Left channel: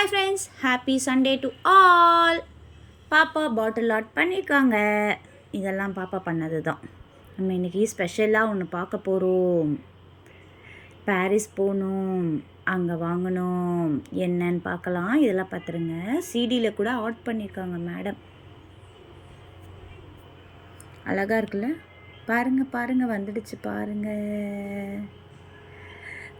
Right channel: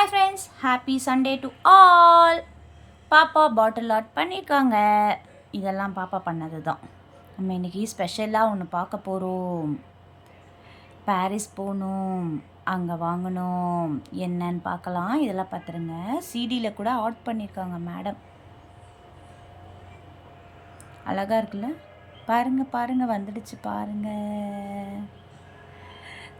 Hi friends happy Sunday to all பாப்பா bottle add பண்ணியிருக்காங்க இதெல்லாம் பாப்பா பண்ணது தான் நம்ம இன்றைக்கி ஸ்பெஷலாக ஒன்று பார்க்க போகிறோம் பாரிஸ் போகணும் அங்கே வாங்கணும் என்னன்னு பார்க்கலாம். இதெல்லாம் பார்த்துருங்க. சிடியில் கூட ஆட் பண்ணியிருக்காங்க மேடம் அழகாக இருக்குல்ல? பாருங்கள் பாருங்கள் வந்துடுச்சு பாருங்கள்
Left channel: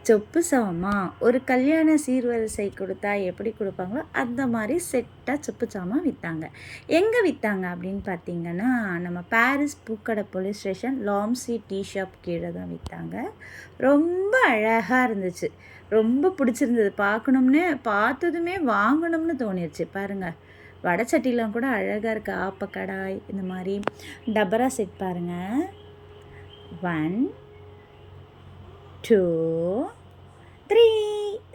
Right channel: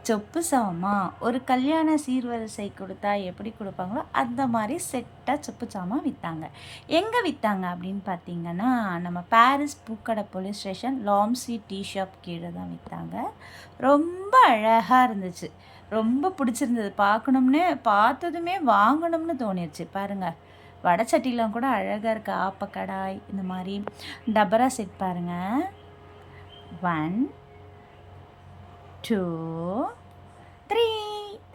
சொப்பு சாமா ஒரு கல்யாண சீர்வரிசை கொடுத்தா எப்படி கொடுப்பாங்களோ அந்த மாதிரி செட்டாக சொப்பு சாமான் விற்றாங்க எங்கே விற்றாங்க அப்படின்னு பார்த்தீங்கன்னா நம்ம பாரிஸ் பூக்கடை போலீஸ் ஸ்டேஷன் லாம்சி டீ ஷாப் கீழே தான் விற்றாங்க ரொம்ப அழகாக இருந்துச்சு. ரொம்ப பிடிச்சிருந்தது. பார்க்கணும்னு பார்த்ததுமே வாங்கணும்னு தோணிடுச்சு பாருங்கள் வடச்சட்டிலாம் கூட அழகாக இருக்குது ஆப்பக்கடாய் இந்த மாதிரி. டபரா செட் பாருங்கள் ஒன் டூ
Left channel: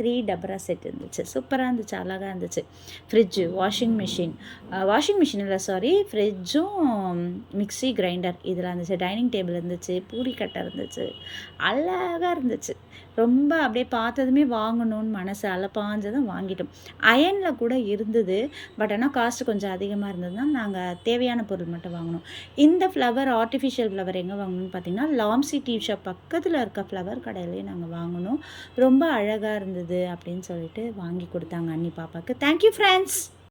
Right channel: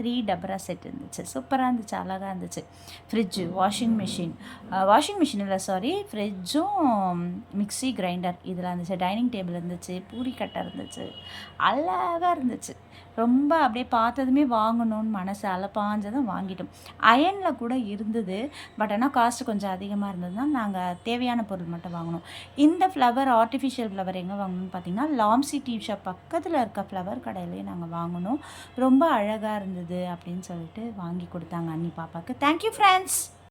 த்ரீ டபரா செட் இருந்துச்சு. சூப்பராக இருந்துச்சு அழகாக இருந்துச்சு. Fridge washing machine washing machine இல்லை சாரி ஃப்ரிட்ஜும் மிக்சி கிரைண்டர் இதெல்லாம் இருந்துச்சு. டைனிங் டேபிள் இருந்துச்சு பூரி கட்டை இருந்துச்சு. அழகாக இருந்துச்சு. ரொம்ப அப்படியே பார்த்ததுமே வாங்கணும்னு மனசு அலப்பாஞ்சதும் வாங்கிட்டோம். அயனில் கூட இருந்தது பட் ஆனால் காஸ்ட் கொஞ்சம் அதிகமாக இருந்ததுனால் நாங்கள் தேவையான பொருள் மட்டும் வாங்கினோம் இந்த ஃப்ளவர் ஆர்டிஃபிஷியல் ஃப்ளவர் எங்கே வாங்கணும்னு பார்த்தீங்கன்னா லாம்சி டீ ஷாப் பக்கத்தில் இருக்க ஃப்ளவர் கடையிலேயே நாங்கள் வாங்கினோம் ரொம்ப அழகாக இருந்தது. அப்படின்னு சொல்லிட்டு வாங்கி கொடுத்தாங்க அண்ணி பாப்பாவுக்கு தேங்க்யூ ஃப்ரெண்ட்ஸ்